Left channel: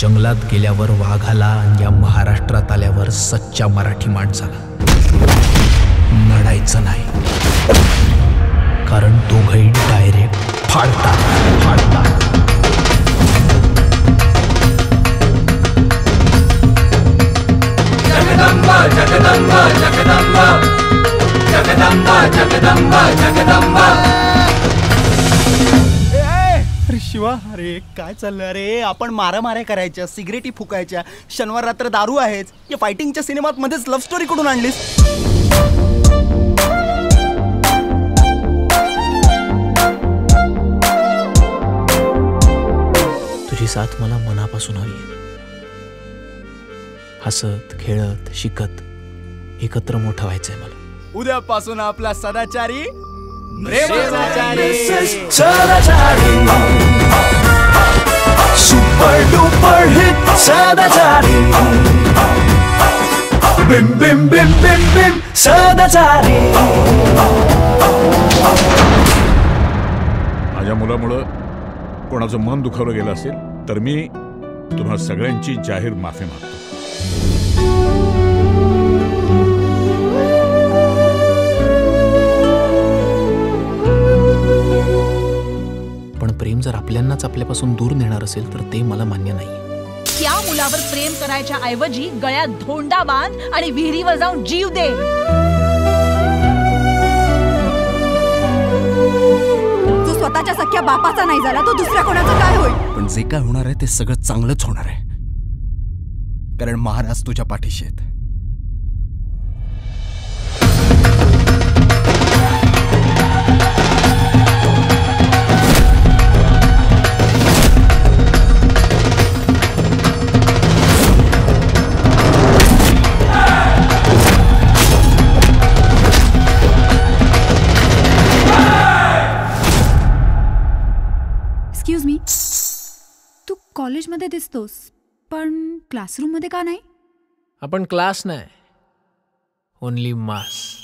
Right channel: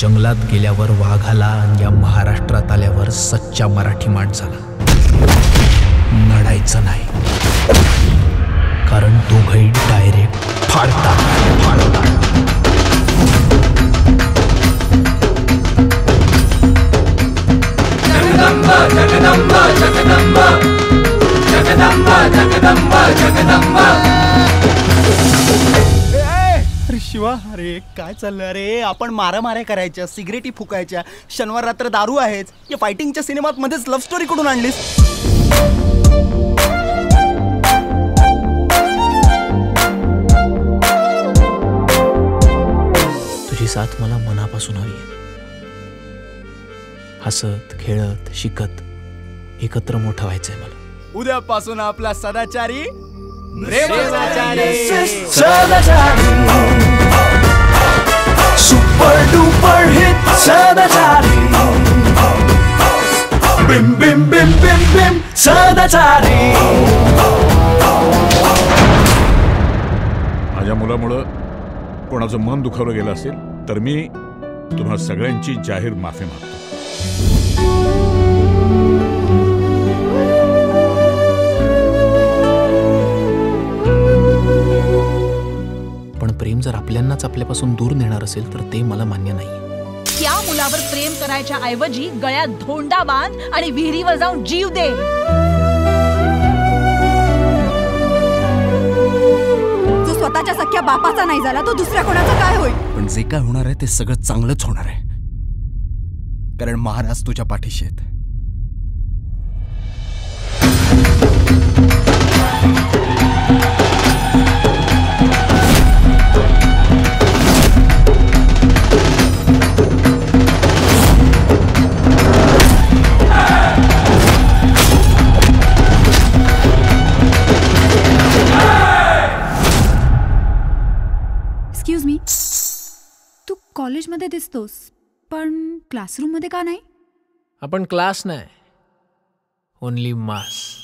जंगलात गेल्यावर वाघाला आणि या महाराष्ट्रात आल्यावर सच्चा मराठी माणसाला नडायचं नाही, कारण दोघंही डायरेक्ट फाडतात. जगदंबा जगदंबा जगदंबा जगदंबा जगदंबा जगदंबा. अरे शिवा, अरे काय चाललं? अरे आपण मारामाऱ्या करायच्या, सिगरेटी फुकायच्या, शनिवार रात्र दारू आहेच. या फायटिंगच्या सिनेमात मध्येच लव्ह स्टोरी कुठून आणलीस? तुझी साथ मला मनापासून हवी आहे. हसत खेळत शिकत एकत्र मोठं व्हायचंय मला. उद्यापासून आपला सदाचारी प्रेमाचारी सुपर डुपर हिट सदाचारी. बिम बिम बिम बिम बिम सदाचारी. माझ्या मुलामुळं कोणाचं मन दुखावलं गेलं असेल तर मी तुम्हा सगळ्यांची जाहीर माफी मागतो. पण प्रेम जर आपल्यांनाच आपल्यापासून दूर नेणार असेल तर ते मला मान्य नाही. त्या मुलावर प्रेम करायच्या ऐवजी गळ्यात धोंडा बांध आणि विहिरीवर जाऊन जीव दे. जो स्वतःच्या सख्या बापाचा नाही झाला तो दुसऱ्या कोणाचा काय होईल? पण जे काय होणार आहे ते सगळं चांगलंच होणार आहे, कारण महाराज तुझ्या पाठीशी आहेत. एक्सक्यूज मी, तू कॉलेजमध्ये दिसतोस पण क्लासरूम मध्ये का नाही? आपण क्लास नाही, ओनली मास.